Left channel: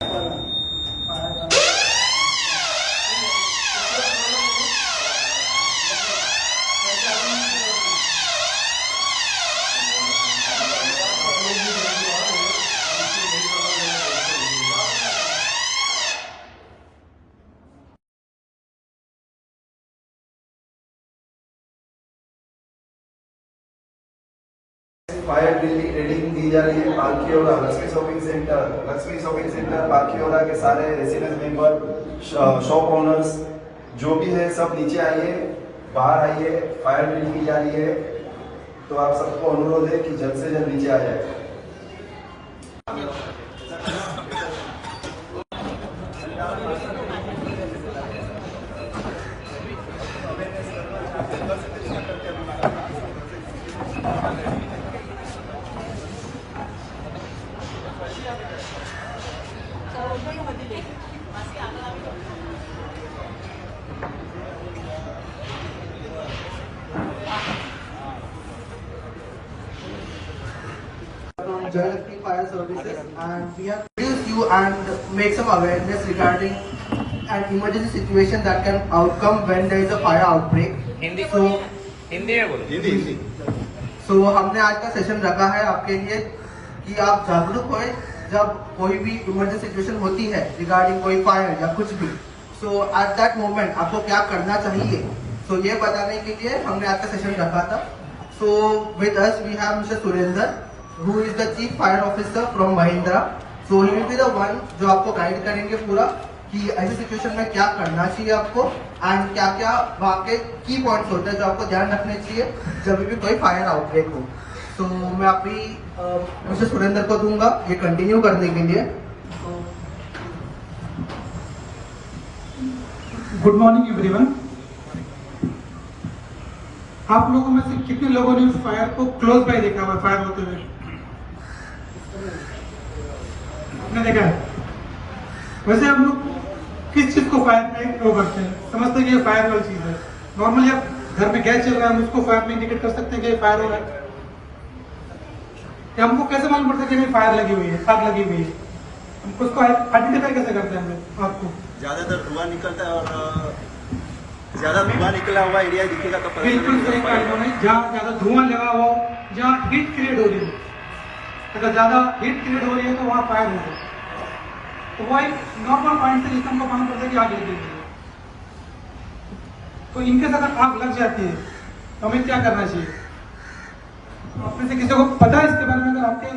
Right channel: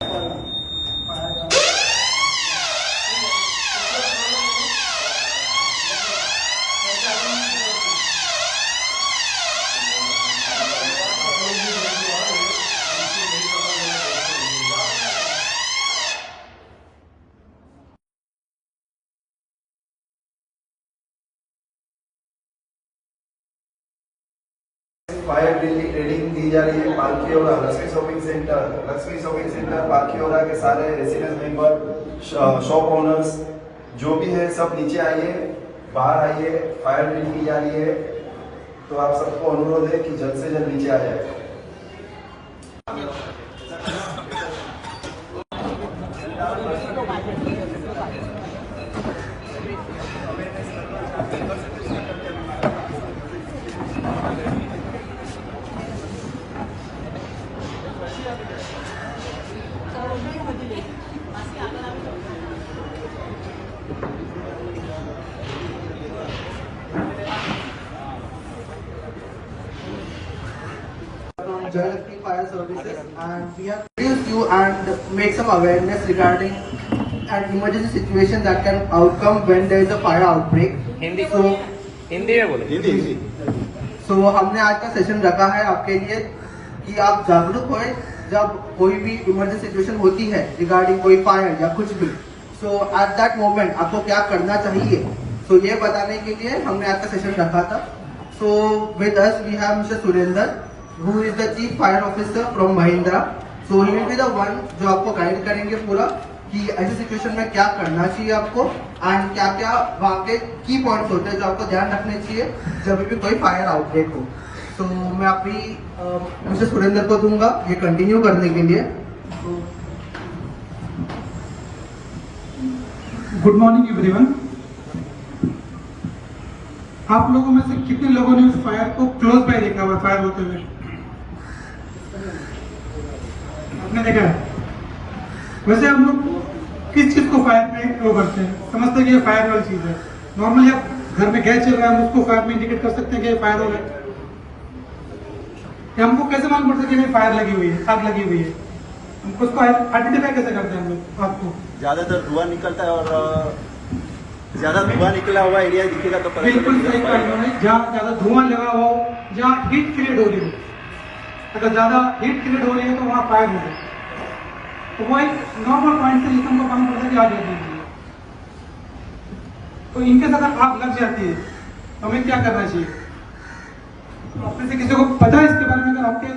Fire training दी जा रही है पालकीवाला हल्सकी शॉपिंग सेंटर पालकीवाला के सारे रेसिडेंट मेंबर शॉप ओनर्स जो भी है सब नीचे आइए, बाहर आइए। फायर ट्रेनिंग की जा रही है, तो आप सबको अनुरोध है कि जल्द से जल्द नीचे आ जाए। Jayalakshmi Fire Services, and we have introduced you and make some awareness regarding an emergency situation that can outcome when there is a fire outbreak. Hindi में बोलो। So हमने आज का सेशन रखा है आपके लिए कि आप जागरूक होए जब कोई भी इमरजेंसी सिचुएशन होती है रिगार्डिंग कोई फायर या कुछ भी। So at that moment आपको क्या करना चाहिए, so ये बताने के लिए हमने आज का सेशन रखा था। So with us we have Mr. Surinder, who is the Chief Fire Officer from Mahindra. So he will be the one जो आपको गाइड करेंगे पूरा कि ऐसी सिचुएशन में क्या करना चाहिए आपको एंड क्या क्या वहाँ के की पॉइंट्स होते हैं जो आपको ध्यान रखने चाहिए जब भी कोई फायर आउटब्रेक हो। तो मैं अभी मिस्टर सुरेंद्र को दूंगा ये कंटिन्यू करने के लिए। Good morning everyone. आप लोगों में से कितने लोगों ने उस फायर को क्लोज बाय देखा हुआ, फायर होते हुए आपने देखा है? वैसे हम लोग किस चीज को फायर में वो करते हैं, समझते हैं कि ये फायर वाली चीज है। नॉर्मली आप घर में गैस चल रहा है, हम उसको फायर में इंडिकेट कर सकते हैं कि ये फायर हो रहा है। कि हमको कैसे मालूम पड़ता है कि ये फायर लगी हुई है, आग लगी हुई है? हमको उसको आइडेंटिफाई कैसे करते हैं हम लोग? आपको ज्यादातर धुआं निकलता है और ज्यादा धुआं निकला हुआ एरिया दिखेगा तो बिल्कुल सही कहा उन्होंने। जहाँ ज्यादा धुआं लगा हुआ हो, जहाँ हीट क्रिएट हो रही हो, अगर ज्यादा हीट क्रिएट हो रही है तो वहाँ फायर हो रही है। तो वो एक नॉर्मल पॉइंट से हमको मालूम पड़ता है कि आग लगी हुई है। तो इनके साथ अगर आग लग जाती है तो हमें क्या करना चाहिए? आप में से किसी को पता है इसके बारे में? अगर आपके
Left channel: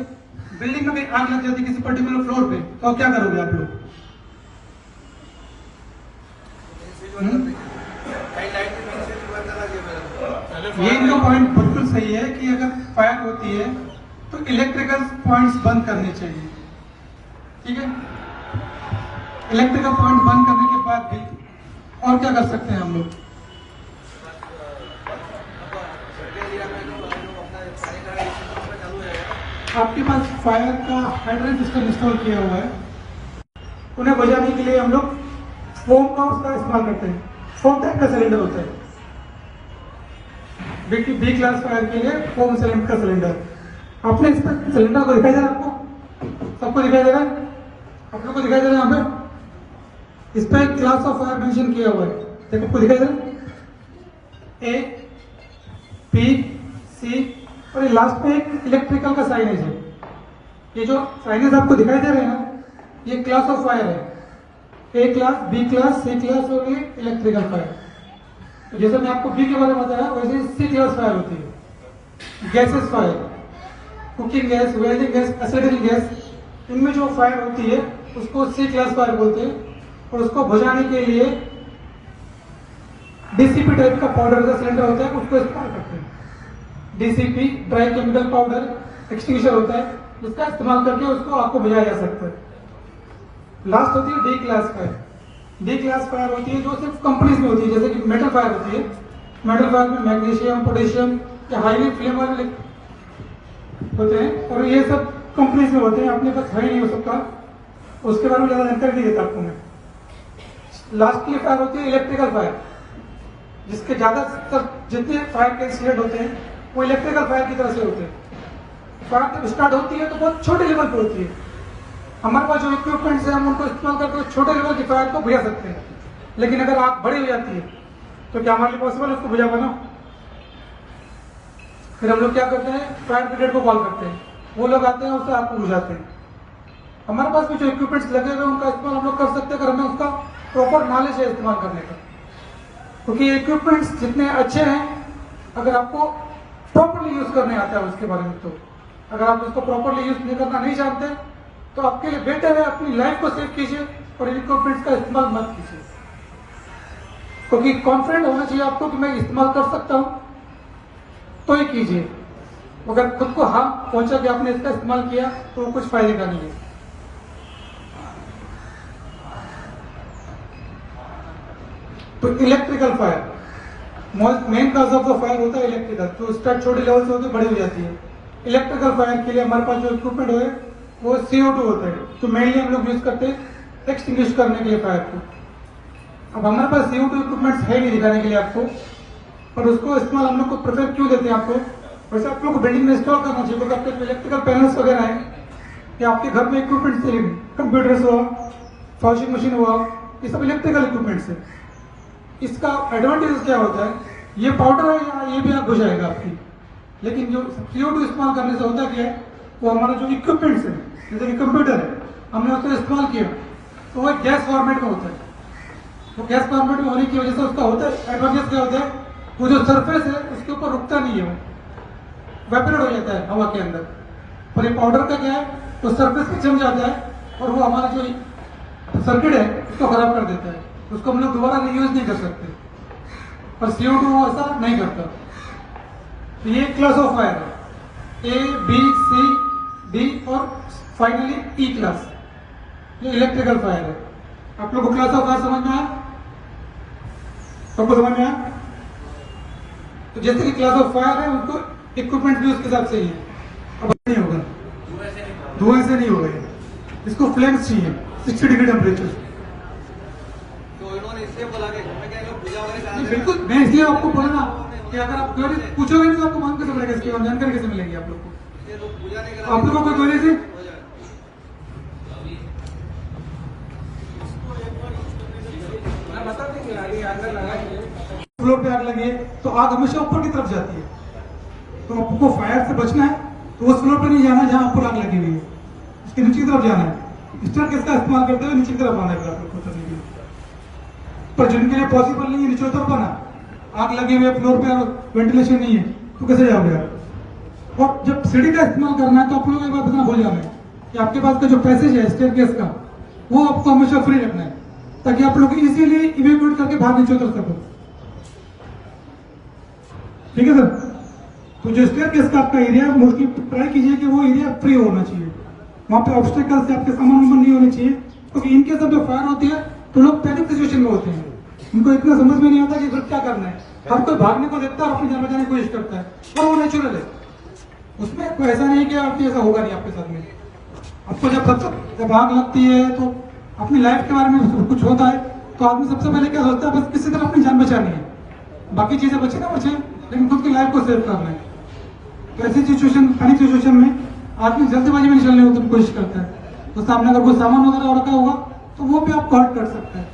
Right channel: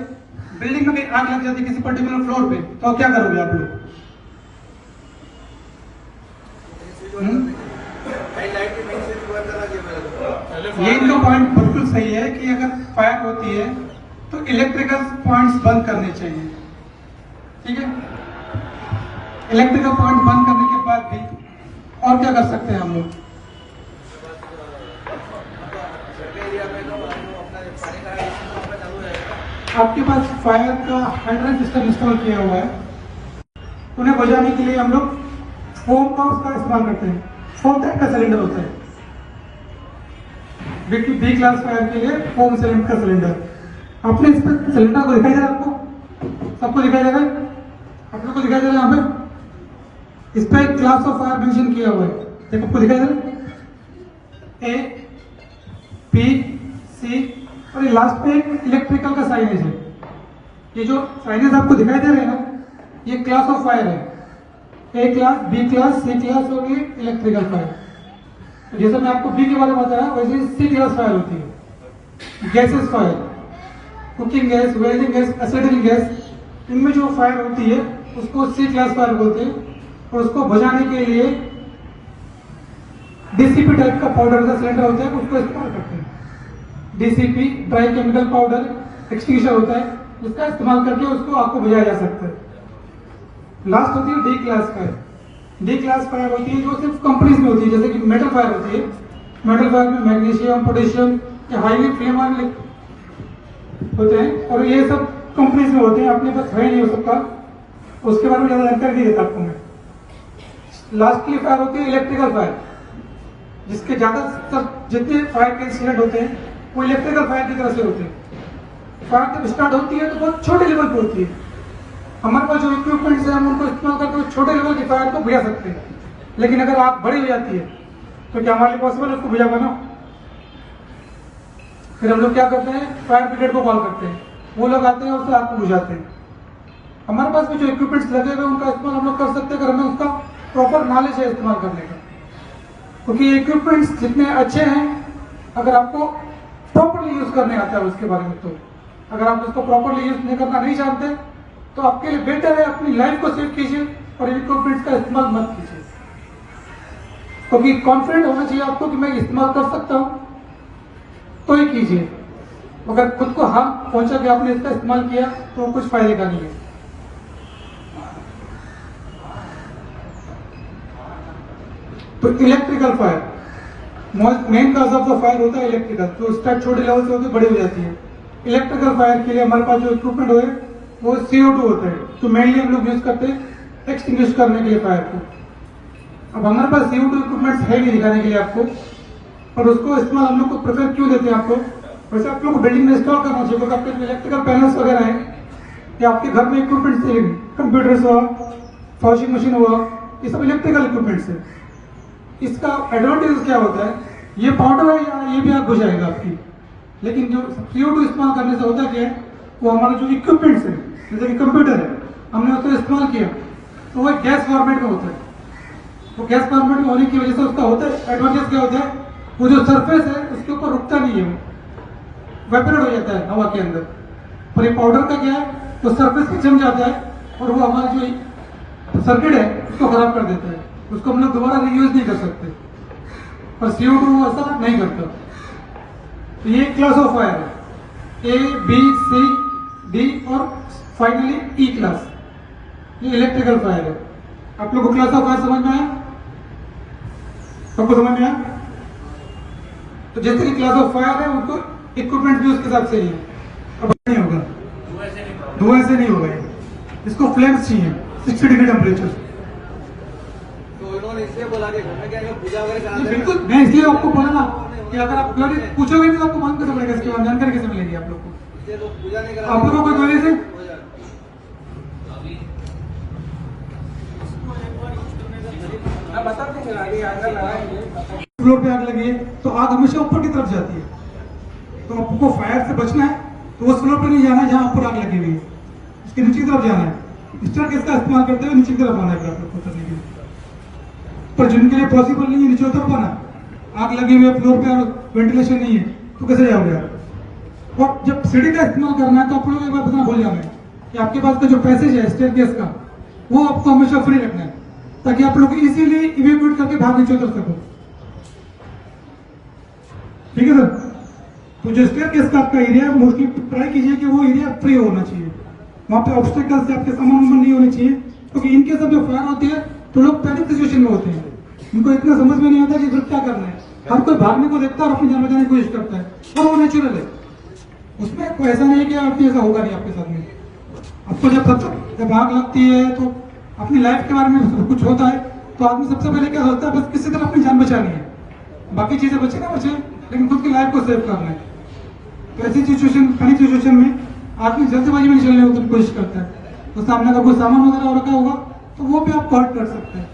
बिल्डिंग में आग लग जाती है किसी पर्टिकुलर फ्लोर पे, तो क्या करोगे आप लोग? ये इनका पॉइंट बिल्कुल सही है कि अगर फायर होती है तो इलेक्ट्रिकल पॉइंट्स बंद करने चाहिए। ठीक है, इलेक्ट्रिकल पॉइंट बंद करने के बाद भी और क्या कर सकते हैं हम लोग? आपके पास फायर का हाइड्रेंट सिस्टम इंस्टॉल किया हुआ है, उन्हें बुझाने के लिए हम लोग फोम का उसका इस्तेमाल करते हैं। फोम टाइप का सिलेंडर होता है, बी क्लास फायर के लिए फोम सिलेंडर का सिलेंडर। आपने इस पर सिलेंडर को दिखाई दे रहा है? आपको सबको दिखाई दे रहा है? आप लोग को दिखाई दे रहा है? यहाँ पे इस पर क्लास ऑफ फायर मेंशन किया हुआ है, देखो आपको दिखाई दे रहा है? ए, बी, सी और ये लास्ट पे एक इलेक्ट्रिकल का साइनेज है। ये जो साइनेज आपको दिखाई दे रहे हैं ना, ये क्लास ऑफ फायर है। ए क्लास, बी क्लास, सी क्लास और ये इलेक्ट्रिकल फायर। जैसे मैं आपको बी के बारे में बताया वैसे सी क्लास फायर होती है। Gases fire, cooking gas, welding gas, acidic gas, इनमें जो फायर होती है उसको सी क्लास फायर बोलते हैं। और उसको बुझाने के लिए डीसीपी टाइप का पाउडर का सिलेंडर होता है, उसको इस्तेमाल करते हैं। DCP dry chemical powder extinguisher होता है, उसका इस्तेमाल करके उसको आपको बुझाया जा सकता है। लास्ट होती है D class fire. D class fire होती है जो सिर्फ कंपनीज में होती है, जैसे कि मेटल फायर होती है। मेटल फायर में मैग्नीशियम, पोटेशियम या हाईली फ्लेम वाले होते हैं और ये सब कंपनीज में होते हैं, अपने पास है नहीं हो सकता, उसके बारे में ज्यादा जानकारी नहीं देता आपको मैं। लास्टली फायर होती है इलेक्ट्रिकल फायर, जिसके ज्यादातर जितने फायर के इंसिडेंट होते हैं वो इलेक्ट्रिकल फायर की तरह से होते हैं। फायर जब स्टार्ट होती है तो बहुत छोटे लेवल पर होती है, हमारे पास जो इक्विपमेंट्स है हम उनको इस्तेमाल करके छोटे लेवल की फायर को बुझा सकते हैं, लेकिन अगर आग बड़ी हो जाती है तो क्या हमारे लिए पॉसिबल है उसको बुझा पाना? फिर हम लोग क्या करते हैं, फायर ब्रिगेड को कॉल करते हैं, वो लोग आते हैं और उससे आग को बुझाते हैं। हमारे पास भी जो इक्विपमेंट्स लगे हुए उनका इस्तेमाल हम लोग कर सकते हैं अगर हमें उसका प्रॉपर नॉलेज है इस्तेमाल करने का, क्योंकि ये इक्विपमेंट्स जितने अच्छे हैं अगर आपको प्रॉपरली यूज करने आता है उसके बारे में, तो अगर आप उसको प्रॉपरली यूज नहीं करना नहीं जानते तो आपके लिए बेटर है अपनी लाइफ को सेव कीजिए और इक्विपमेंट्स का इस्तेमाल मत कीजिए, क्योंकि कॉन्फिडेंट होना चाहिए आपको कि मैं इस्तेमाल कर सकता हूं तो ही कीजिए। अगर खुद को हार्म पहुंचा कि आपने इसका इस्तेमाल किया तो कुछ फायदे का नहीं है। तो electrical fire, main cause of the fire होता है इलेक्ट्रिकल, जो स्टार्ट छोटे लेवल से होती है बड़ी हो जाती है। इलेक्ट्रिकल फायर के लिए हमारे पास जो इक्विपमेंट है वो CO2 होता है, जो मेनली हम लोग यूज करते हैं एक्सटिंग्विश करने के लिए फायर को। अब हमारे पास CO2 इक्विपमेंट्स है नहीं दिखाने के लिए आपको, पर उसको इस्तेमाल हम लोग को प्रेफर क्यों देते हैं आपको, वैसे आप लोग बिल्डिंग में इंस्टॉल करना चाहिए, क्योंकि आपके इलेक्ट्रिकल पैनल्स वगैरह है या आपके घर में इक्विपमेंट चाहिए, कंप्यूटर्स हुआ, वॉशिंग मशीन हुआ, ये सब इलेक्ट्रिकल इक्विपमेंट्स है। इसका एडवांटेज क्या होता है, ये पाउडर है या ये भी आग बुझाएगा आपकी, लेकिन जो CO2 इस्तेमाल करने से होता क्या है, वो हमारा जो इक्विपमेंट्स है जैसे कि कंप्यूटर है हमने उसको इस्तेमाल किया तो वो गैस फॉर्मेट में होता है, तो गैस फॉर्मेट में होने की वजह से उसका होता है एडवांटेज क्या होता है, वो जो सरफेस है उसके ऊपर रुकता नहीं है, वो वेपरेट हो जाता है हवा के अंदर। पर ये पाउडर का क्या है, तो सरफेस पे जम जाता है और वो हमारा जो सर्किट है उसको खराब कर देता है, उसको हम लोग दोबारा रीयूज नहीं कर सकते। पर CO2 वो ऐसा नहीं करता। तो ये क्लास ऑफ फायर है, A, B, C, D और फाइनली E क्लास, ये इलेक्ट्रिकल फायर है। आप लोगों को क्लास ऑफ फायर समझ में आया? सबको समझ में आया? तो जैसे कि क्लास ऑफ फायर है उनको इक्विपमेंट भी उसके साथ चाहिए। अब नहीं होगा, धुआं से नहीं होगा, इसको फ्लेम्स चाहिए 60 डिग्री टेम्परेचर। इसलिए बोला कि मैं क्या पूजा वगैरह नहीं, बिल्कुल, मैं इसलिए आपको बोला ना कि अगर आप क्वेरी पूछोगे नहीं तो आपको मालूम कैसे पड़ेगा, इसके बाद जानकारी कैसे मिलेगी आप लोग को? पूजा नहीं करा आप लोगों को क्वेरी से फ्लोर पे आग लगी है तो आग हमेशा ऊपर की तरफ जाती है, तो आपको फायर से बचना है तो उस फ्लोर पर नहीं जाना जहां ऊपर आग लगी हुई है, उसके नीचे की तरफ जाना है। स्टार किसका इस्तेमाल करते हुए नीचे की तरफ आना है आपको उतरने के लिए, पर जिनके लिए पॉसिबल नहीं है नीचे उतर पाना, आग लगी हुई है फ्लोर पे वेंटिलेशन नहीं है तो कैसे जाओगे आप? और जब सीढ़ी का इस्तेमाल करना है तो आप लोग एक बात भूल जाओगे कि आपके पास का जो पैसेज है स्टेयरकेस का वो आपको हमेशा फ्री रखना है, ताकि आप लोग इजीली इवैक्यूएट करके बाहर नीचे उतर सको। ठीक है सर? तो जो स्टेयरकेस का आपका एरिया है वो ट्राई कीजिए कि वो एरिया फ्री होना चाहिए, वहां पे ऑब्स्टेकल्स आपके सामान नहीं होने चाहिए, क्योंकि इनके सब जो फायर होती है तो लोग पैनिक सिचुएशन में होते हैं, उनको इतना समझ में नहीं आता कि क्या करना है, हर कोई भागने को देखता है और अपनी जान बचाने की कोशिश करता है, और वो नेचुरल है, उसमें कोई ऐसा नहीं कि आपकी ऐसा होगा नहीं आपके साथ में। आपको जब आग लगती है तो अपनी लाइफ कार में कुछ होता है तो आदमी सबसे पहले क्या होता है, बस किसी तरह अपनी जान बचानी है, बाकी चीजें बचे ना बचाए, लेकिन खुद की लाइफ को सेव करना है। तो ऐसी सिचुएशन पैनिक सिचुएशन में आदमी जल्दबाजी में चलने की कोशिश करता है, तो सामने अगर कोई सामान वगैरह रखा होगा तो वो भी आप कॉल कर सकते हैं।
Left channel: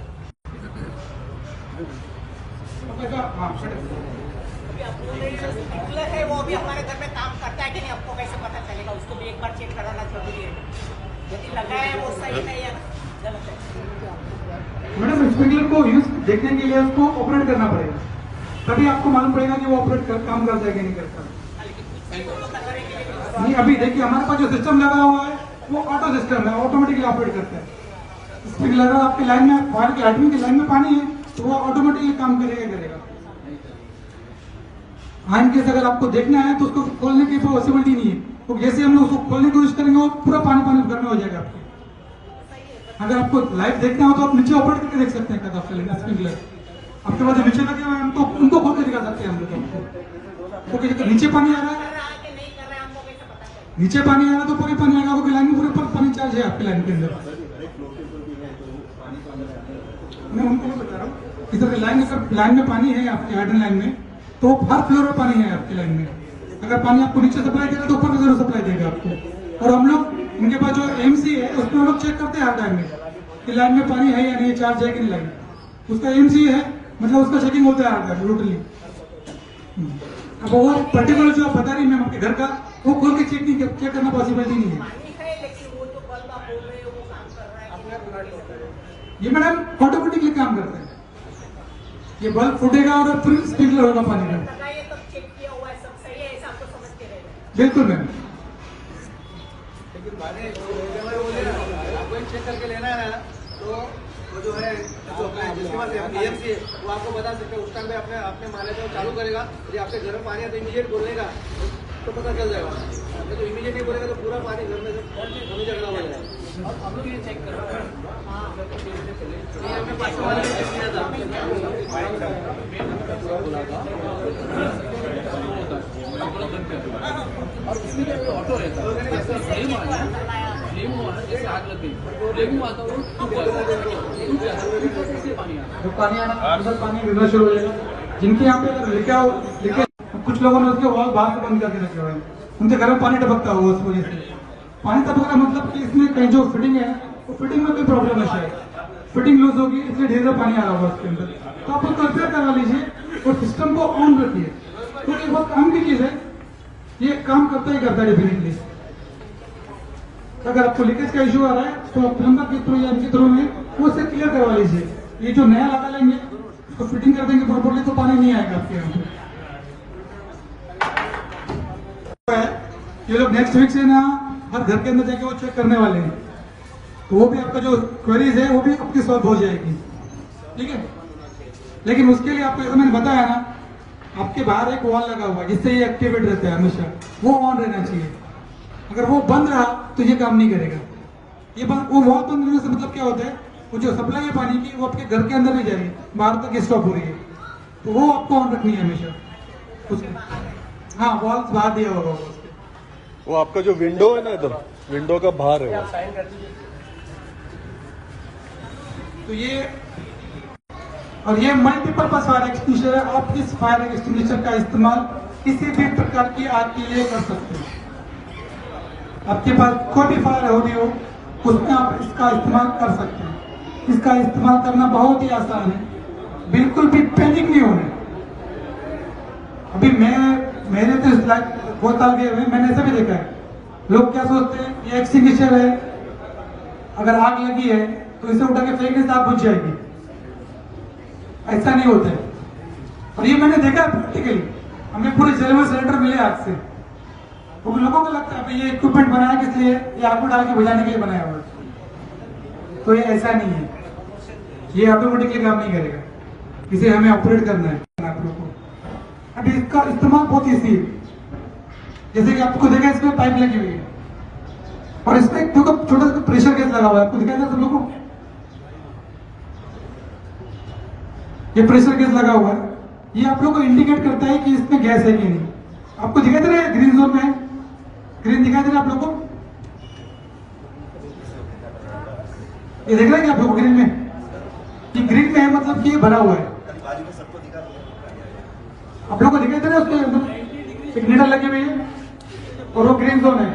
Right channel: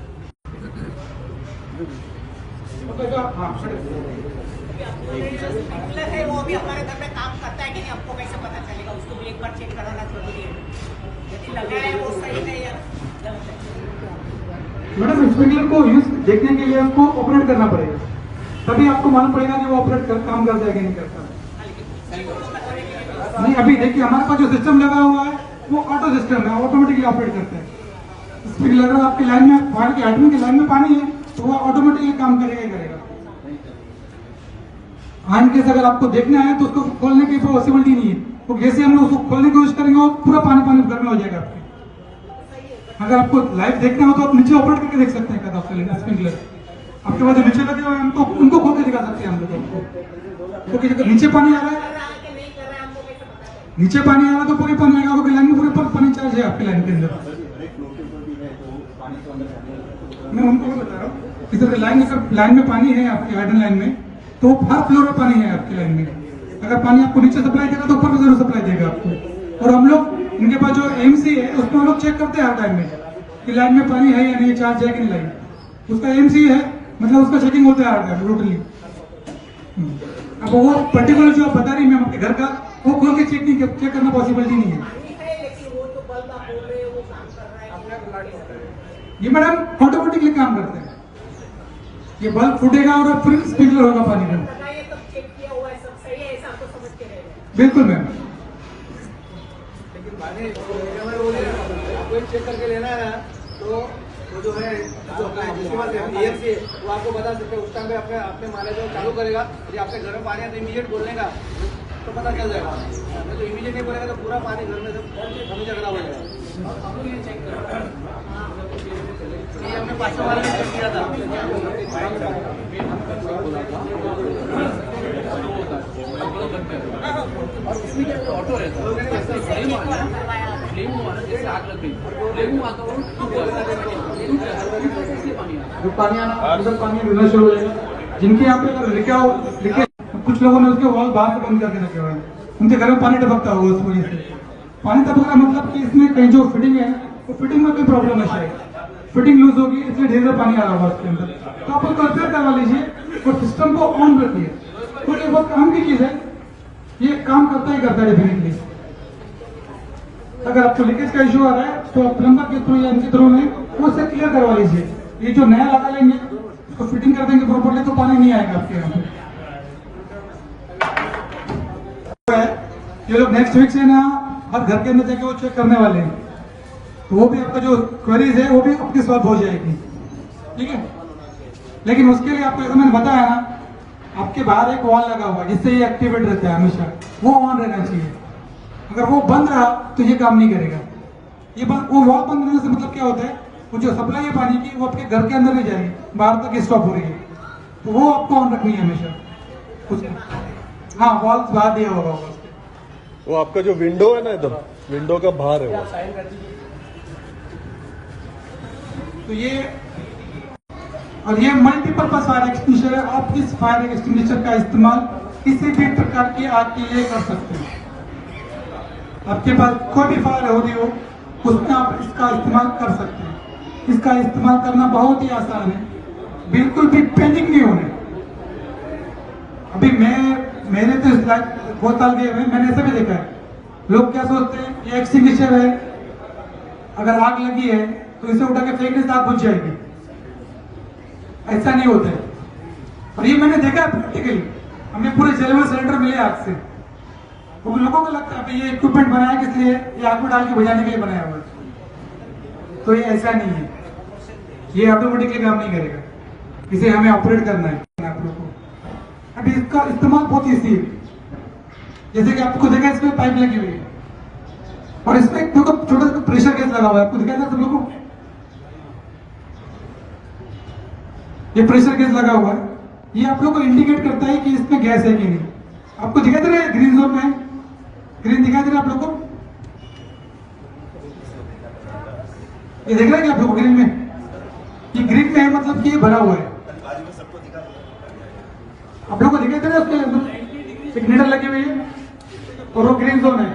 है वो भी हमारे घर में काम करता है कि नहीं, आपको कैसे पता चलेगा? उसको भी एक बार चेक कराना जरूरी है, लेकिन लगा है वो सही नहीं है, गलत है। मैडम स्प्रिंकलर को यूज देखने के लिए उसको ऑपरेट करना पड़ेगा, तभी आपको मालूम पड़ेगा कि वो ऑपरेट काम करता है कि नहीं करता। नहीं, अभी देखिए हमारे पास जो सिस्टम लगा हुआ है वो ऑटो सिस्टम है, ऑटोमेटिकली ऑपरेट करता है। स्प्रिंकलर आपकी लाइन में फायर की हाइड्रेंट की लाइन में पानी है तो वो ऑटोमेटिकली काम करेगा ही करेगा। हाँ, केस अगर आपको देखना है तो उसको खोलने की पॉसिबिलिटी नहीं है, तो जैसे हम लोग उसको खोलने की कोशिश करेंगे वो पूरा पानी पानी घर में हो जाएगा आपके। अगर आपको लाइव देखना हो तो आप नीचे ऑपरेट करके देख सकते हैं स्प्रिंकलर, आपके पास जो नीचे लगे हुए हैं उनको खोल के दिखा सकते हैं हम लोग आपको, क्योंकि अगर नीचे पानी आ रहा है तो पूरे पानी आएगा, आपकी लाइन में पूरे पानी चार्ज है आपकी लाइन के अंदर। मैं उनको बता रहा हूँ इधर लाइन में पानी है आपकी हाइड्रेंट लाइन में, तो हर फ्लोर में पानी है आपकी लाइन में। अगर पानी आपको नीचे सप्लाई देगा तो ऊपर भी जरूर सप्लाई देगा आपको, और हम लोग उनके पास जो एमसी है उसको हम लोग चेक करते हैं हर टाइम में कि लाइन में पानी है या नहीं, चार्ज है कि नहीं लाइन। उसका एमसी है, मतलब उसका चेकिंग होता है हर टाइम रूटली। अब वो पर्टिकुलर जो आप बता रही मैम आपके घर का, वो खोल के चेक करना पॉसिबिलिटी नहीं है। ये मैडम ऑटोमेटिकली काम करता है, ये बल्ब फूटेगा और फिर स्प्रिंकलर होगा पानी का। बिल्कुल मैम। लेकिन पानी आपको एक चेक करके लेना है तो वो जो है जो अपना जिसके पास EMC वो आपको बता सकते हैं। उस टाइम पे अपने अपने माने को चालू करेगा, यदि आपके घर में पानी है तो इमीडिएट बोलने का तो पता चल जाएगा। नहीं तो इमीडिएट नहीं बोलेगा तो पूरा पानी घर में से हमें झगड़ा हो जाएगा। ये हमने 500 वाले में चेक किया था। और उसमें क्या ऑटो रहता है, जैसे आग लग गई डेंगू आता है, जो पानी आना उधर पानी लेना शुरू हो जाएगा। जिनके यहाँ पे लिखे कुछ लोगों ने उसके वॉल बाहर से बंद करके रखे हुए हैं, उनके घर में पानी टपकता होगा उस वजह से। पानी टपकना मतलब कि इसमें कहीं जो फिटिंग है वो फिटिंग में कोई प्रॉब्लम है, शायद फिटिंग लूज होगी इसलिए ढेर सारा पानी आ रहा होगा उसके अंदर। तो आप उसको रिपेयर करवा लीजिए और सिस्टम को ऑन रखिए। तो ये बहुत काम की चीज है, ये काम करता ही करता है डेफिनेटली। अगर आपको लीकेज का इश्यू आ रहा है तो आप प्लम्बर के थ्रू या इनके थ्रू में वो उससे क्लियर करवा लीजिए। ये जो नया लगा लेंगे उसको फिटिंग कर देंगे प्रॉपरली तो पानी नहीं आएगा आपके यहाँ पे। ये लोग नेक्स्ट वीक से ना हर घर के अंदर जाके वो चेक करने वाले हैं, तो वो भी आपका जो क्वेरीज है वो भी आपकी सॉल्व हो जाएगी, ठीक है। लेकिन उसके लिए आपको मैंने बताया ना, आपके बाहर एक वॉल लगा हुआ जिससे ये एक्टिवेट रहता है हमेशा, वो ऑन रहना चाहिए। अगर वो बंद रहा तो ये काम नहीं करेगा। ये वो वॉल बंद रहने से मतलब क्या होता है, वो जो सप्लाई है पानी की वो आपके घर के अंदर नहीं जाएगी, बाहर तक स्टॉप हो रही है, तो वो आपको ऑन रखनी है हमेशा उसके। हाँ, वॉल बाहर दिया होगा उसके। वो आपका जो विंडो है ना, इधर विंडो का बाहर है वो। तो ये और ये मल्टीपर्पज फायर एक्सटिंग्विशर है। आप इस फायर एक्सटिंग्विशर का इस्तेमाल किसी भी प्रकार की आग के लिए कर सकते हैं। आपके पास कोई भी फायर हो रही हो उसमें आप इसका इस्तेमाल कर सकते हैं। इसका इस्तेमाल करना बहुत ही आसान है, बिल्कुल भी पैनिक नहीं होगा। अभी मैंने तो इस बहुत आगे है, मैंने ऐसा भी देखा है। लोग क्या सोचते हैं ये एक्सटिंग्विशर है, अगर आग लगी है तो इसे उठा के फेंकने से आग बुझ जाएगी। ऐसा नहीं होता है। और ये मैंने देखा प्रैक्टिकली, हमें पूरे जेल में सिलेंडर मिले आग से। वो लोगों को लगता है ये इक्विपमेंट बनाया किस लिए, ये आग को डाल के बुझाने के लिए बनाया हुआ, तो ये ऐसा नहीं है। ये ऑटोमेटिकली काम नहीं करेगा, इसे हमें ऑपरेट करना है आप लोग को। अब इसका इस्तेमाल बहुत ईजी है। जैसे कि आपको देखा इसमें पाइप लगी हुई है और इसमें देखो छोटा सा प्रेशर गैस लगा हुआ है, आपको दिखाई दे सब लोगों को। ये प्रेशर गैस लगा हुआ है, ये आप लोग को इंडिकेट करता है कि इसमें गैस है कि नहीं। आपको दिखाई दे रहा है ग्रीन जोन में है, ग्रीन दिखाई दे रहा है आप लोग को, ये देख रहे हैं आप लोग ग्रीन में, ये ग्रीन में है मतलब कि ये भरा हुआ है। आप लोग को दिखाई दे रहा है उसके सिग्नल लगे हुए हैं और वो ग्रीन जोन है।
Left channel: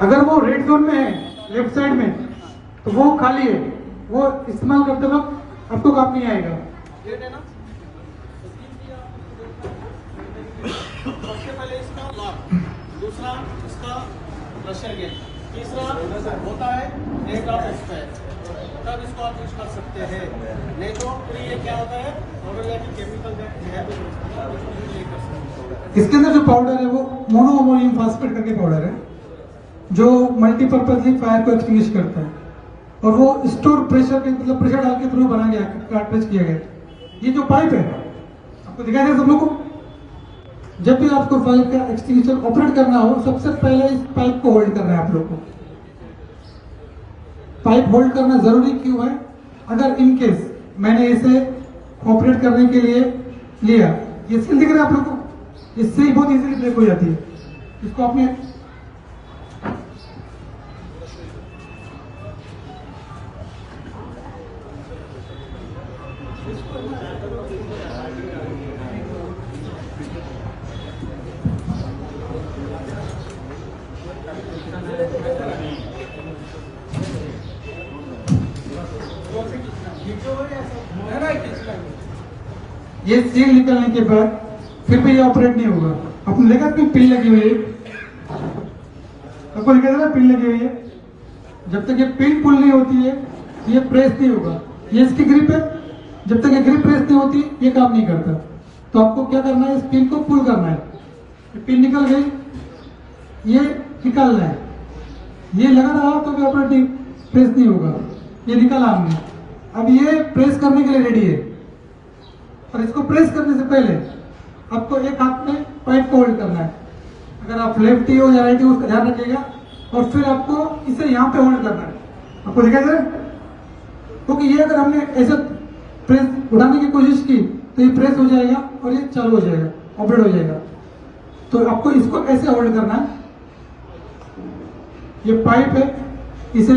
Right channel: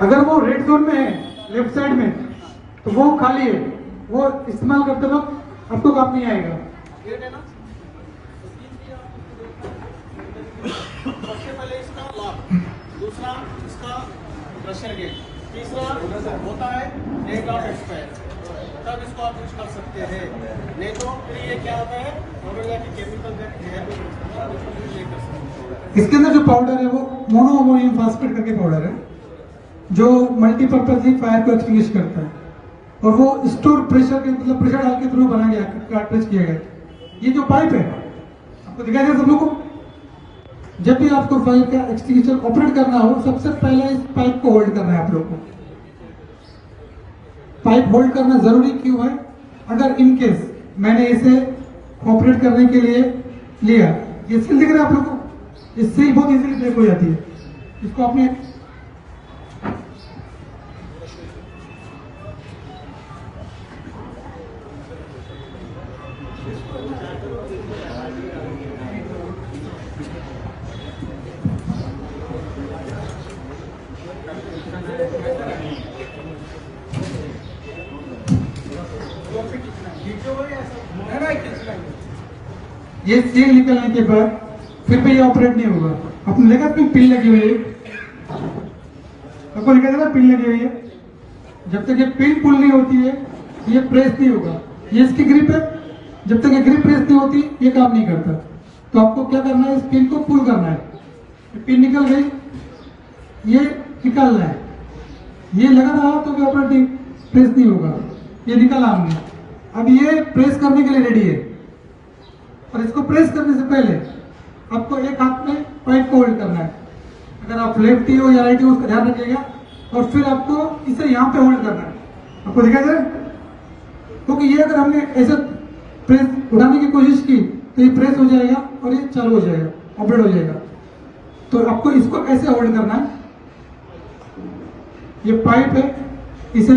अगर वो रेड जोन में है लेफ्ट साइड में तो वो खाली है, वो इस्तेमाल करते वक्त आपको काम नहीं आएगा। इसके अंदर जो पाउडर है वो मोनोअमोनियम फॉस्फेट करके पाउडर है जो मल्टीपर्पज फायर को एक्सटिंग्विश करता है। और वो स्टोर प्रेशर के मतलब प्रेशर डाल के थ्रू बना गया, अटैच किया गया। ये जो पाइप है आपको दिखाई दे सब लोग को, जब भी आपको फायर का एक्सटिंग्विशर ऑपरेट करना हो सबसे पहले इस पाइप को होल्ड करना है। आप लोग को पाइप होल्ड करना जरूरी क्यों है, अगर इनकेस मैंने इसे ऑपरेट करने के लिए लिया, ये स्किल दिख रहा है आप लोग को, इससे ही बहुत इजीली ब्रेक हो जाती है। इसको अपने ये सील निकलने के बाद फिर भी ये ऑपरेट नहीं होगा। आपको लगेगा कि पिन लगी हुई है, आपको लगेगा ना पिन लगी हुई है। जब तक ये पिन पुल नहीं होती है ये प्रेस नहीं होगा। ये इसकी ग्रिप है, जब तक ये ग्रिप प्रेस नहीं होती ये काम नहीं करता। तो आपको क्या करना है, इस पिन को पुल करना है। ये पिन निकल गई, ये निकालना है। ये लगा रहा तो भी ऑपरेटिंग प्रेस नहीं होगा, ये निकाला हमने। अब ये प्रेस करने के लिए रेडी है, और इसको प्रेस करने से पहले आपको एक हाथ में पाइप को होल्ड करना है। अगर आप लेफ्टी हो या राइटी हो उसका ध्यान रखिएगा, और फिर आपको इसे यहाँ पे होल्ड करना है। आपको दिखेगा, क्योंकि ये अगर हमने ऐसे प्रेस उठाने की कोशिश की तो ये प्रेस हो जाएगा और ये चालू हो जाएगा, ऑपरेट हो जाएगा। तो आपको इसको ऐसे होल्ड करना है। ये पाइप है, इसे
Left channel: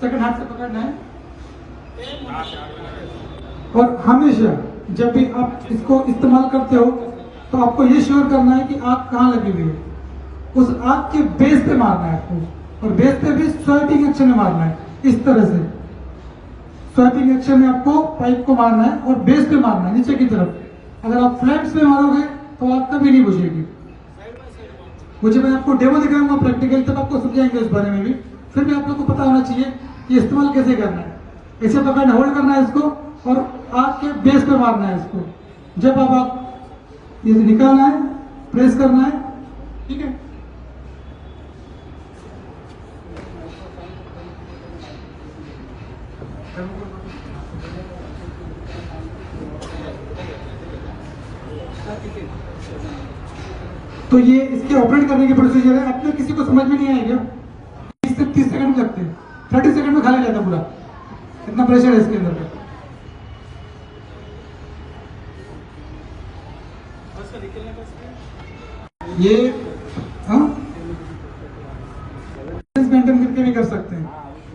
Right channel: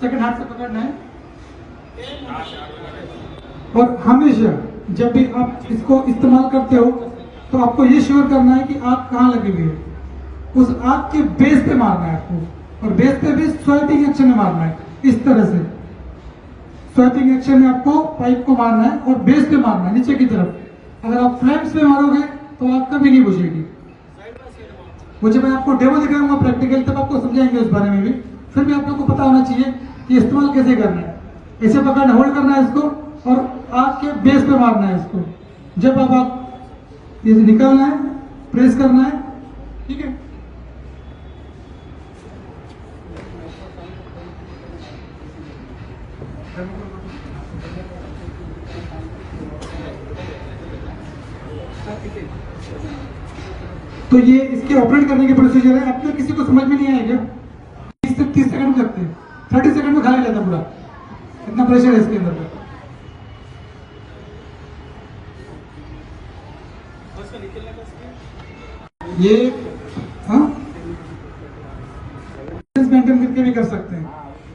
सेकंड हाथ से पकड़ना है, और हमेशा जब भी आप इसको इस्तेमाल करते हो तो आपको ये श्योर करना है कि आग कहाँ लगी हुई है। उस आग के बेस पे मारना है आपको, और बेस पे भी स्वाइपिंग एक्शन में मारना है। इस तरह से स्वाइपिंग एक्शन में आपको पाइप को मारना है और बेस पे मारना है, नीचे की तरफ। अगर आप फ्लैप्स पे मारोगे तो आग कभी नहीं बुझेगी। वो जब मैं आपको डेमो दिखाऊंगा प्रैक्टिकल, तब आपको समझाएंगे उस बारे में भी। फिर भी आप लोग को पता होना चाहिए कि इस्तेमाल कैसे करना है। ऐसे पकड़ना, होल्ड करना है इसको, और आग के बेस पे मारना है इसको। जब अब आप ये निकालना है, प्रेस करना है, ठीक है। तो ये इसके ऑपरेट करने के प्रोसीजर है। अब तो किसी को समझ में नहीं आएगा, 20 से 30 सेकंड लगते हैं, 30 सेकंड में खाली रहता पूरा, इतना प्रेशर है इसके अंदर। ये मेंटेन करके भी कर सकते हैं।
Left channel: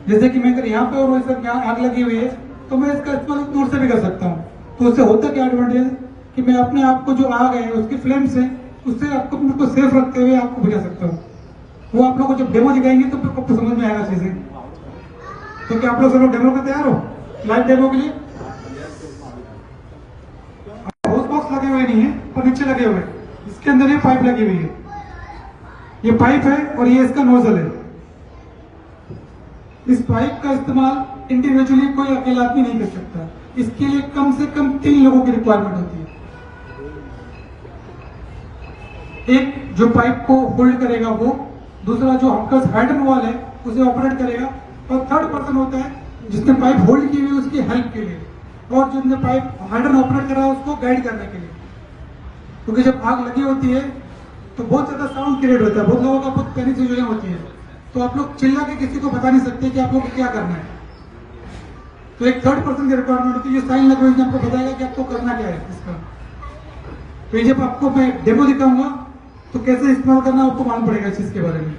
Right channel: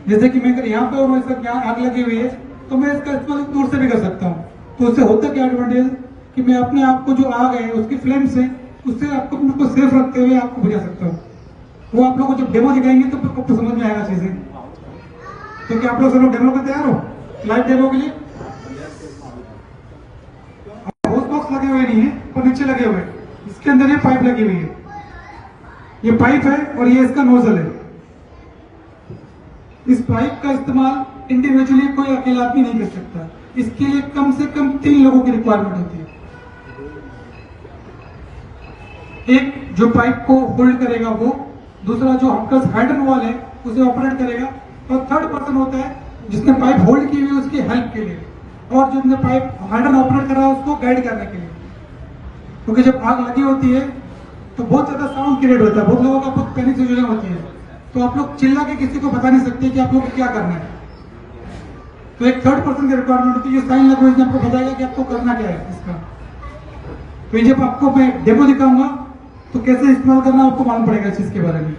जैसे कि मैं अगर यहाँ पे और इधर यहाँ आग लगी हुई है तो मैं इसका इस्तेमाल दूर से भी कर सकता हूँ। तो उससे होता क्या एडवांटेज कि मैं अपने आप को जो आग है उसकी फ्लेम से उससे आपको को सेफ रखते हुए आपको बचा सकता हूँ। वो आप लोग को जब डेमो दिखाएंगे तो आपको समझ में आएगा अच्छे से। तो क्या आप लोग सब डेमो पे तैयार हो, लाइव डेमो के लिए? हाउस बॉक्स लगे हुए नहीं है, पर नीचे लगे हुए, इसके अंदर ये पाइप लगी हुई है। ये पाइप है और ये इसका नोजल है। इस पाइप का इस्तेमाल इंडिविजुअली कोई अकेला आदमी नहीं कर सकता। इसके लिए कम से कम 3 लोगों की रिक्वायरमेंट होती है। एक जो पाइप को होल्ड करेगा वो, दूसरा जो आपका हैंडल वॉल है उसे ऑपरेट करेगा, और थर्ड पर्सन होता है जिसने पाइप होल्ड की हुई है उसकी हेल्प के लिए, और जो अपने पाइप हैंडल ऑपरेट कर रहा है उसको गाइड करने के लिए। क्योंकि जब आग लगी होती है तो बहुत ज्यादा साउंड क्रिएट होता है, बहुत लोगों का बहुत पैनिक सिचुएशन होती है। तो आप लोग चिल्ला के किसी को बता नहीं सकते कि आप लोग को क्या करना है। तो एक थर्ड पर्सन की रिक्वायरमेंट होती है। ये साइन लैंग्वेज में आपको बताएगा कि आपको करना क्या है इसका। तो जब आपको मैं डेमो दिखाऊंगा तो कैसे इस्तेमाल करना आपको मालूम पड़ेगा इस चीज के बारे में।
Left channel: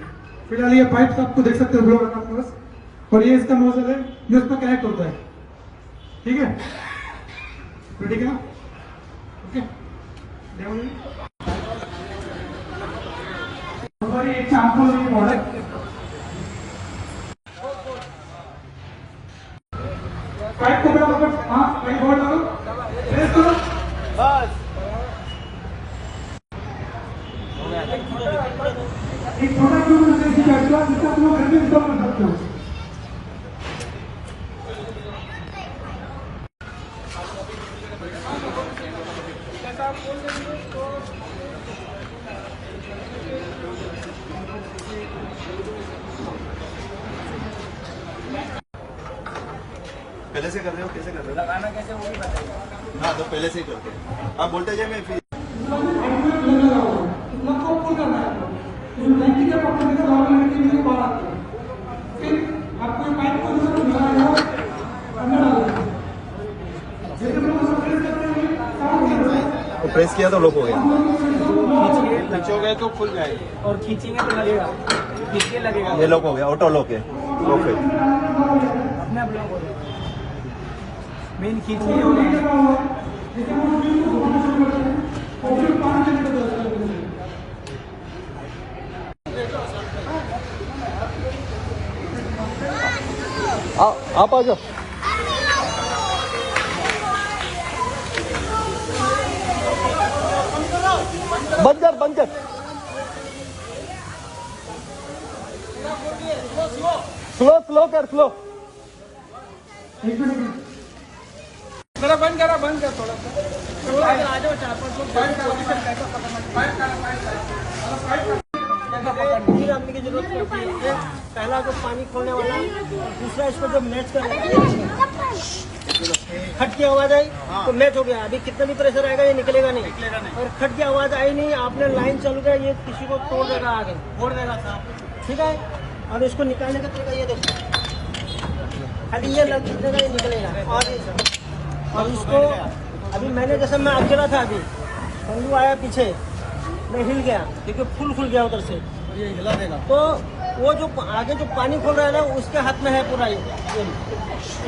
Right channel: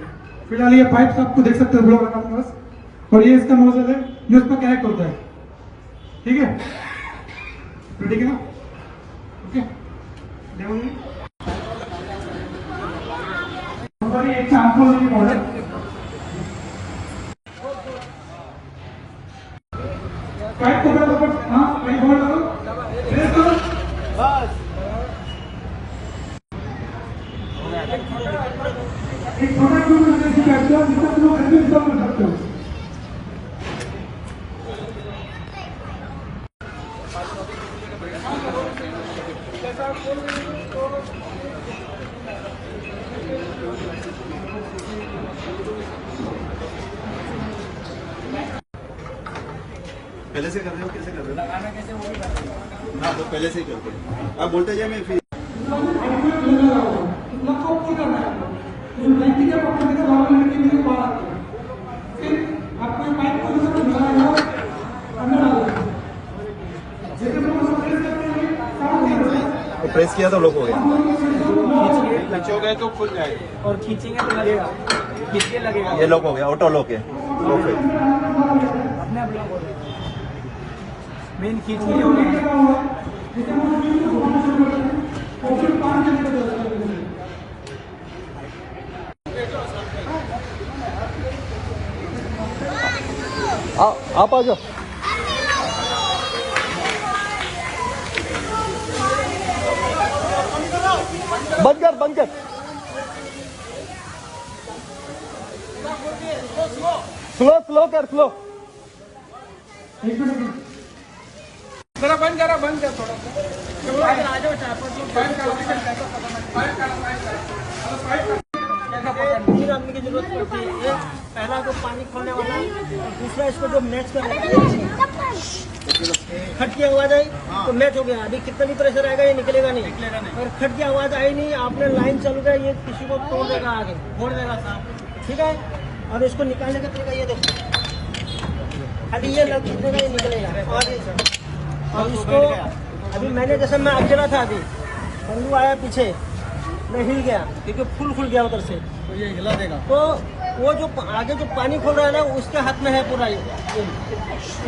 फिलहाल ये पाइप आपको देख सकते हो ब्लॉक आपके पास, और ये इसका नोजल है जो इसमें कनेक्ट होता है। ठीक है, तो ठीक है ना, ओके। डेमो हमारी एक सैंपल मॉडल पाइप को बराबर, हाँ पाइप होल्ड करो, प्रेस करो, बस। एक छोटा पहले से कर रहे हो, कैसे कर रहे हो? लगाना कैसे वो भी बताइए। हाँ, तो पहले से ही करते हैं। आप बोलते जाए, मैं फिर प्रेस किया तो लोग हो खींचोगे तो खुल जाएगा, खींचेंगे ये लोग हो गए, ऑटो लोग है। के स्लो कर स्लो बंद करा करने की जरूरत पड़ती है। पहला जो पानी खोलने वाला दूसरा इसको जब मैच कर खट की आवाज आई तो मैच हो गया। अभी कितना भी प्रेशर आएगा ये निकलेगा नहीं। और खट की आवाज आई नहीं, आपने लाइन चल गया, ये किसी को तोड़ देगा, आगे फोड़ देगा। ठीक है, और इसको निकालने का तरीका ये देखिए, खाली ये निकलेगा आगे से। और इसके अभी मैंने जैसे मैं अंजना था, अभी वो आया पीछे, मैं हिल गया क्योंकि फुल खुल गया उधर से, ये हिला देगा। तो वो जो आगे जो पानी खोल रहा है ना, उसके हाथ में है पूरा।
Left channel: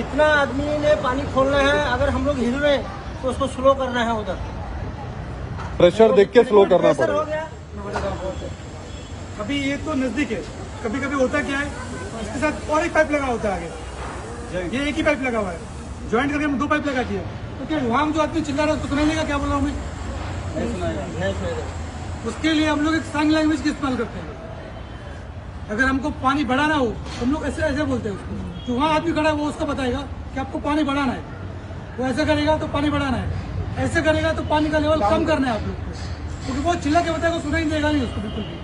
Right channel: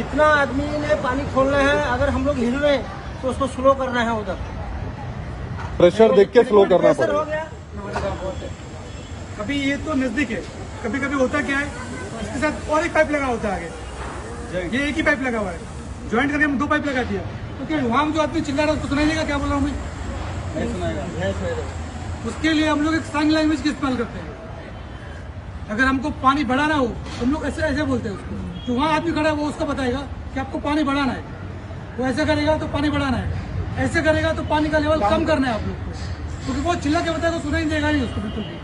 इतना आदमी ने पानी खोलना है, अगर हम लोग हिल रहे तो उसको स्लो करना है उधर। प्रेशर देख के स्लो करना प्रेशर हो गया। अभी ये तो नजदीक है, कभी कभी होता क्या है, इसके साथ और एक पाइप लगा होता है आगे, ये एक ही पाइप लगा हुआ है, ज्वाइंट करके हम 2 पाइप लगा दिया। क्योंकि वहां जो आदमी चिल्ला रहा है उसको सुनाई देगा क्या बोल रहा हूँ मैं, उसके लिए हम लोग एक साइन लैंग्वेज का इस्तेमाल करते हैं। अगर हमको पानी बढ़ाना हो, हम लोग ऐसे ऐसे बोलते हैं उसको, जो वहाँ आदमी खड़ा है वो उसको बताएगा कि आपको पानी बढ़ाना है। वो ऐसे करेगा तो पानी बढ़ाना है, ऐसे करेगा तो पानी का लेवल कम करना है आप लोग, क्योंकि वो चिल्ला के बताएगा, सुनाई देगा ही उसको बिल्कुल भी।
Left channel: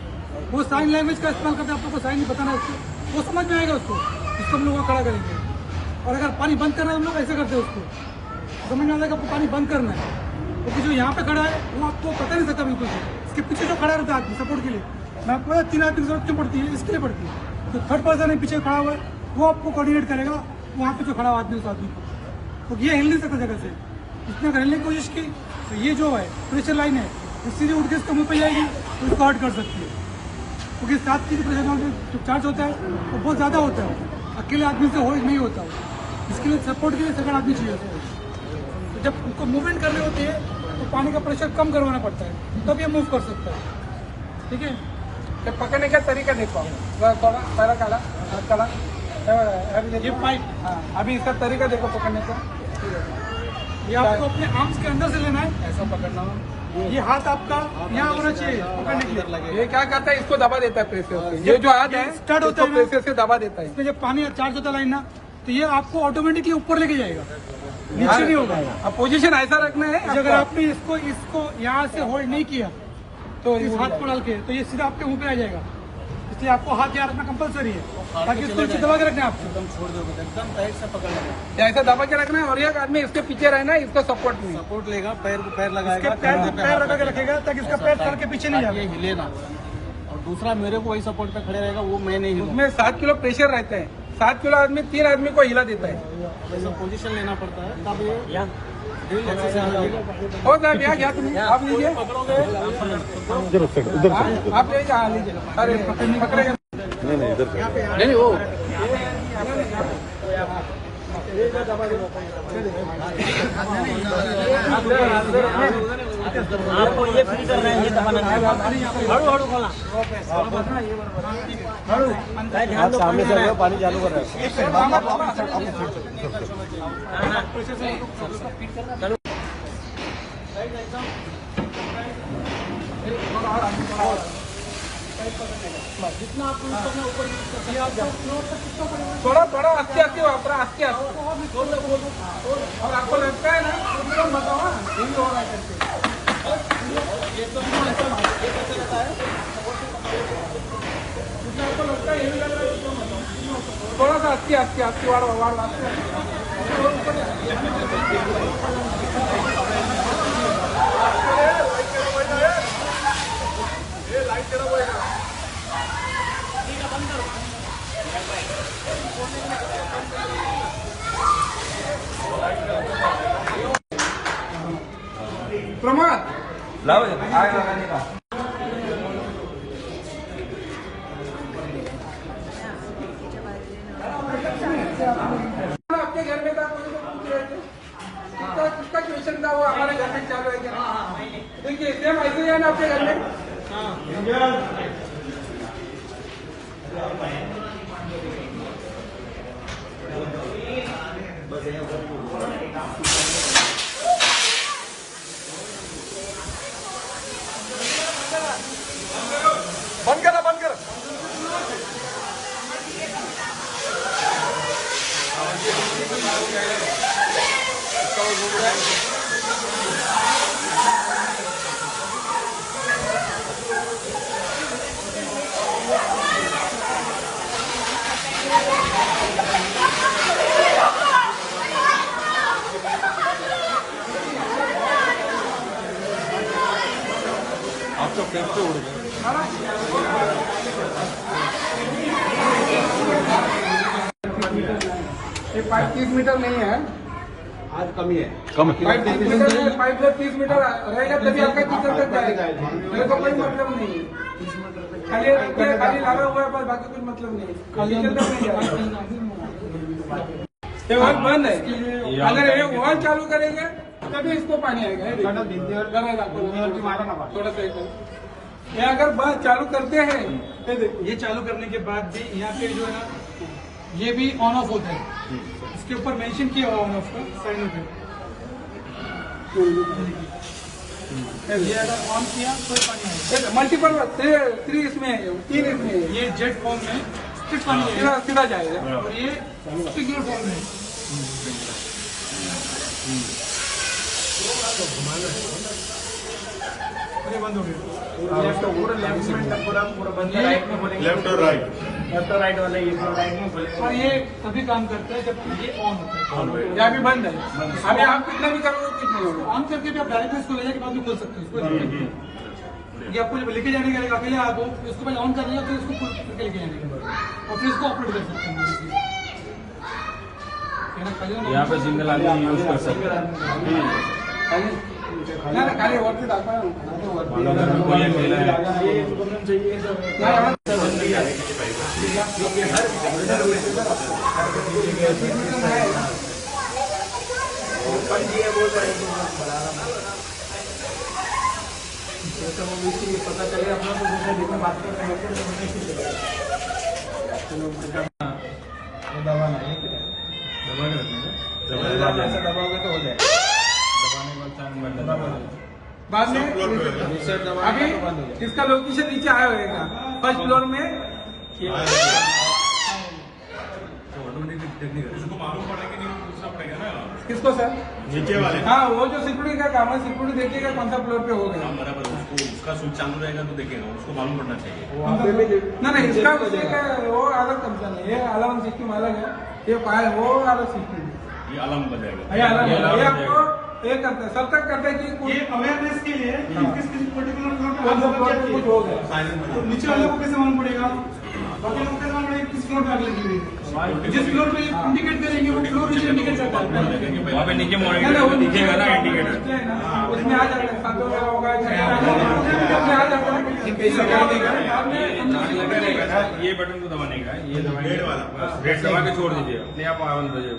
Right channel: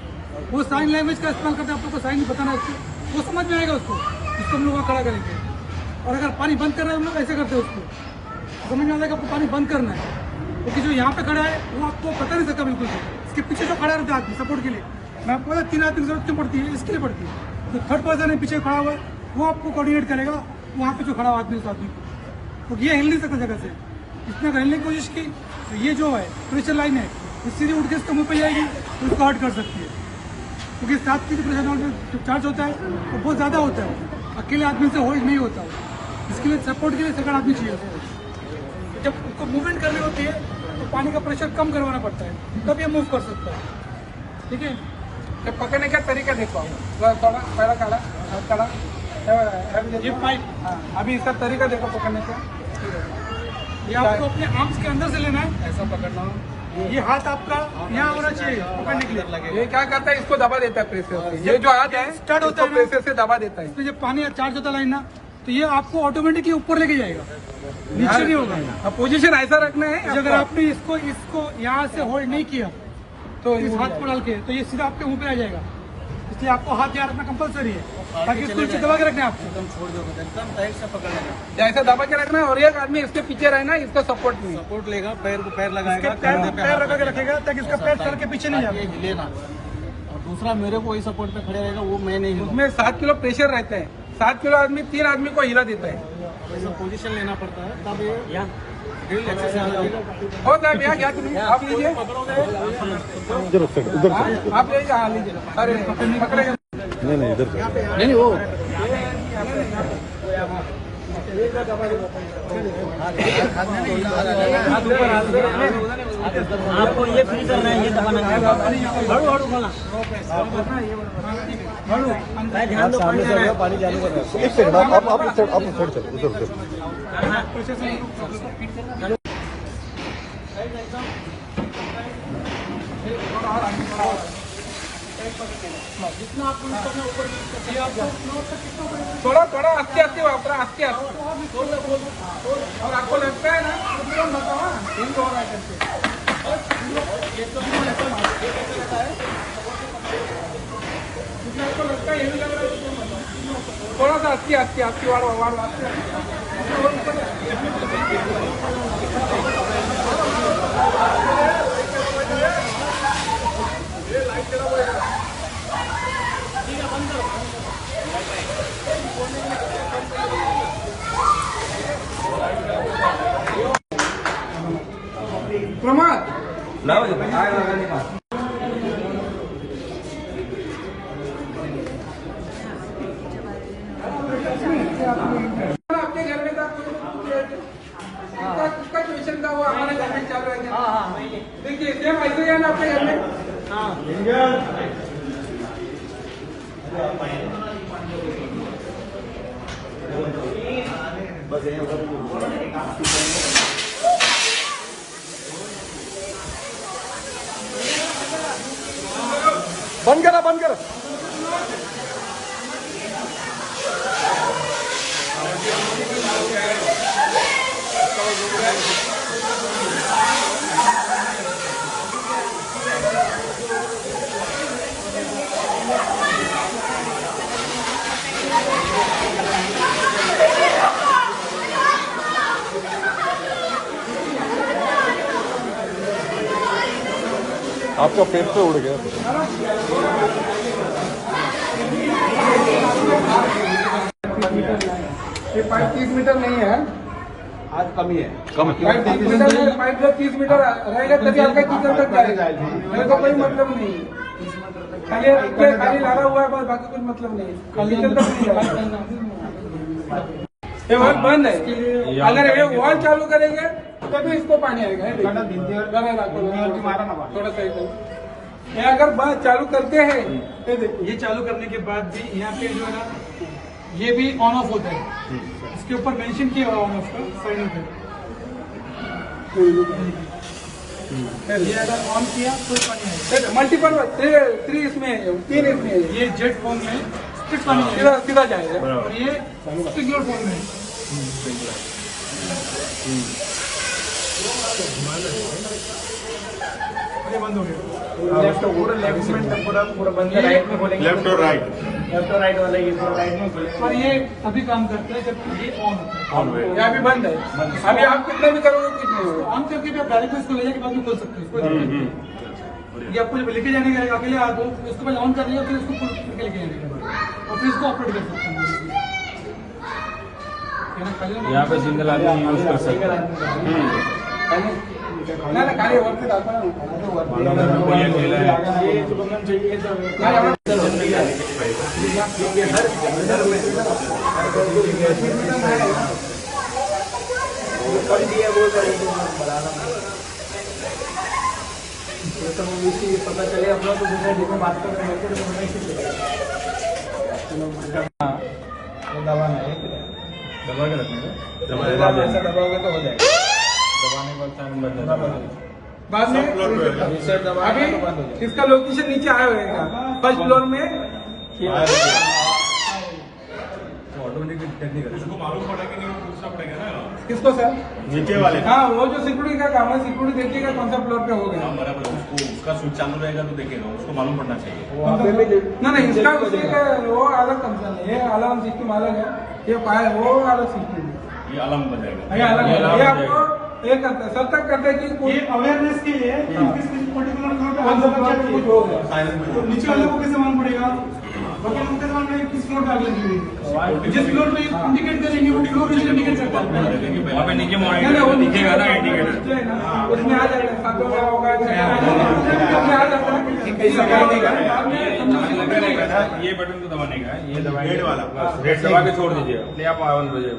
वो साइन लैंग्वेज का इस्तेमाल करके आप लोग को साइन बताना है, वो समझ में आएगा उसको, इसको हम लोग खड़ा करेंगे। और अगर पानी बंद करना है, हम लोग ऐसे करते हैं, उसको समझ में आएगा आपको पानी बंद करना है। क्योंकि जो यहाँ पे खड़ा है वो आपको पता नहीं सकता बिल्कुल, इसके पीछे जो खड़ा रहता है सपोर्ट के लिए, आपको 3 आदमी जरूरत क्यों पड़ती है, इसके लिए पड़ती है। जो थर्ड पर्सन है पीछे खड़ा हुआ है, वो आपको कोऑर्डिनेट करेगा यहाँ पे जो खड़ा हुआ आदमी उस आदमी को, क्योंकि ये हिल नहीं सकता जगह से। इसने हिलने की कोशिश की तो ये जो है प्रेशर लाइन है, सीधे उठ के इसके मुंह पे जाएगी तो इसको हर्ट कर सकती है। क्योंकि साथ की जो प्रेशर चार्ज होता है वो बहुत ज्यादा होता है, अकेले आदमी से हो नहीं होता। इसके लिए सपोर्ट के लिए सेकंड आदमी चाहिए होता है। जब उनको मूवमेंट करने होते हैं तो पानी का प्रेशर कम करवाना पड़ता है, तब ये मूव कर सकता है। ठीक है, तो पकड़ने का तरीका देखो, ये पाइप अभी इसका तरीका देखो पकड़ने का। ये आपको अपने आर्म्स के अंदर से लेना है, ऐसा पकड़ना। ये हाथ आपका यहाँ होना चाहिए पकड़ने के लिए। ये क्या करता है, इसको दबा देता है प्रेशर से। ये जो हाथ है स्टार्ट होता है प्रेशर से दबा देता है। इसमें जब पानी चार्ज होता है लाइन ना, तो ये आपको ऑटोमेटिकली ऊपर लेके जाएगा। पोजीशन ऐसा रखना है। जब आपने इसको यहाँ से होल्ड नहीं किया तो इस हाथ को डाल के तो ये सीधा आपके मुंह पे आ जाएगा। इसलिए आपको हाथ यहाँ रखना कंपल्सरी है, ताकि इसको दबा के रखना, आपको ऐसे दबा के रखना है। और एक आदमी इसके पीछे रहना है, इसका सपोर्ट लेगा, पैर को पैर लगाएगा, पैर लगा के रखेगा ताकि इसका पैर सर के पीछे नहीं आएगा, हिलेगा। दूसरा मेरे को वही सपोर्ट का खड़े रहेगा, वो मैं नहीं हिलूंगा। मैं 7 किलो प्रेशर रखते हैं, 7 किलो आदमी 3 आदमी को हिला देता है। पोजीशन लेना पड़ता है। बहुत आप लीजिए, नहीं वो आपको ये फ्री करना है, ये दबाना है। सामने से पानी चालू कर रहा है। थोड़ा आस्ते आस्ते और आपको लगता है ना थोड़ा सा आस्ते वाला प्रमाद आग लगाने का। अपने घर में था किसका ट्यूशन था, वो हमारे घर में चालू है क्या? देखिए सेम ऐसे है ना आपके घर में। बंद करा बंद कर आपका पेट पे उड़ गया ये पाइप 30 मीटर नहीं है, आज कमी है। कम पाइप 30 मीटर नहीं, पाइप जो 30 मीटर रहेगा तभी आपका टीचर तक जाएगा। मेरे को कोई मतलब नहीं है, खाली लगा हुआ है बस, बाकी कोई मतलब नहीं है, टीचर तक नहीं जाएगा। ये वाल बंद है, अगर ये वाल चालू करेंगे तभी इसको पानी आएगा। ये देखो, थोड़ा सा ये अगर बात चालू करते हैं, ये देखो, ये चालू करने के बाद भी यहाँ पे जो है ना, ये भी ऑन ऑफ होता है, इसके ऊपर मेंशन किया हुआ ऑन ऑफ का साइन पे। ये अगर ऑन किया तो पानी आएगा। मल्टीपल 3 इसमें 3 इसमें, ये जेट फॉर्म में स्ट्रिक्ट पानी सीधा सीधा जाएगा, और ये सिग्नल फॉर्म में। बंद हो गया पूरा लेफ्ट में, पूरा बंद है, राइट में बोलेंगे, लेफ्ट और राइट वाला ये पूरा राइट में बोलेंगे। और ये तभी काम करता है जब ये ऑन होता है, या अभी बंद है। अभी आप कितना भी करोगे कुछ नहीं होगा, ऑन करके भी आप डायरेक्ट इसको ले जाके बाद में खोल सकते हैं, कोई दिक्कत नहीं है। ये आपको जब लेके जाने का अकेले आप इसको पहले ऑन कर लिया, फिर इसको खोल के लेके जाने का, और फिर इसको ऑपरेट कर सकते हैं। यहाँ पे सिंगल आदमी यूज कर सकते हैं। ना खाली वर्क पे डालता हूँ, पता चले अपना तो दूसरे बात करते दबा नहीं, दबा के रखने दबाओगे तो हो जाएगा। बाद में अभी इसका लोकेशन नीचे आया होगा, फर्स्ट फ्लोर में। किसको सर? नीचे वाले। हाँ, वो जो सिक्योरिटी का काम है, सिक्योरिटी देखिएगा कौन सा फ्लोर पे हो गया। बराबर उसका स्विच चालू रहेगा तो देखेगा, उसको मालूम पड़ना चाहिए। ना इसका वो अलग कंसर्न है, ये अलार्म सिस्टम अलग है, ये फायर वो अलग सिस्टम है, ये अलार्म बजाएगा। ये अलग है। ये आपको ये करता है, सब तक करता है कि कोई अवेयरनेस के लिए पर्टिकुलर फ्लोर पे कौन सा फ्लोर पे कुछ हो गया, तो नीचे वाले को कैसे मालूम पड़ेगा? बाकी लोग कैसे मालूम पड़ेगा किस फ्लोर पे आग लगी हुई है? जिस फ्लोर पे इंडिकेट करेंगे वो फ्लोर भी इंडिकेट करता है। वहाँ पे नीचे मॉनिटर दिखेगा ना इंडिकेटर, उसमें आ जाएगा, सातों का होगा, उसमें आ जाता है। लगा रहेगा ना, ये बटन को दबाने का, ये दबाएंगे वाला रेड दबा के छोड़ दीजिए, अपने आप 1 बजे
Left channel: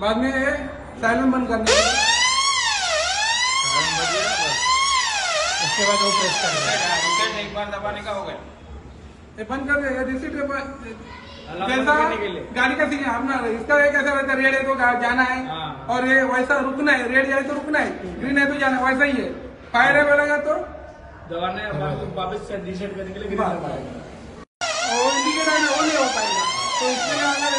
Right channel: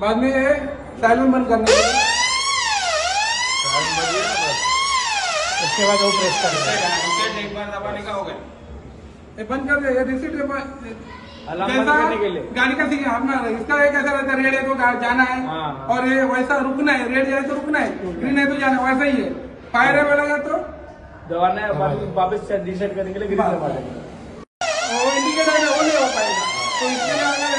बाद में ये साइलेंट बंद करने के लिए, उसके बाद वो प्रेस कर देगा, एक बार दबाने का हो गया। ये बंद कर देगा। रिसीट जैसा गाड़ी का सीन अपना इसका एक ऐसा रहता है, रेड है तो जाना है, और ये वैसा रुकना है, रेड जाए तो रुकना है, ग्रीन है तो जाना है, वैसा ही है। फायर है बोलेगा तो दबाना है, वापस रिसेट करने के लिए वो इंडिकेटर में वो नहीं हो पाएगा, तो इसके लिए अगर